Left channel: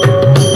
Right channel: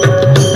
Thank you.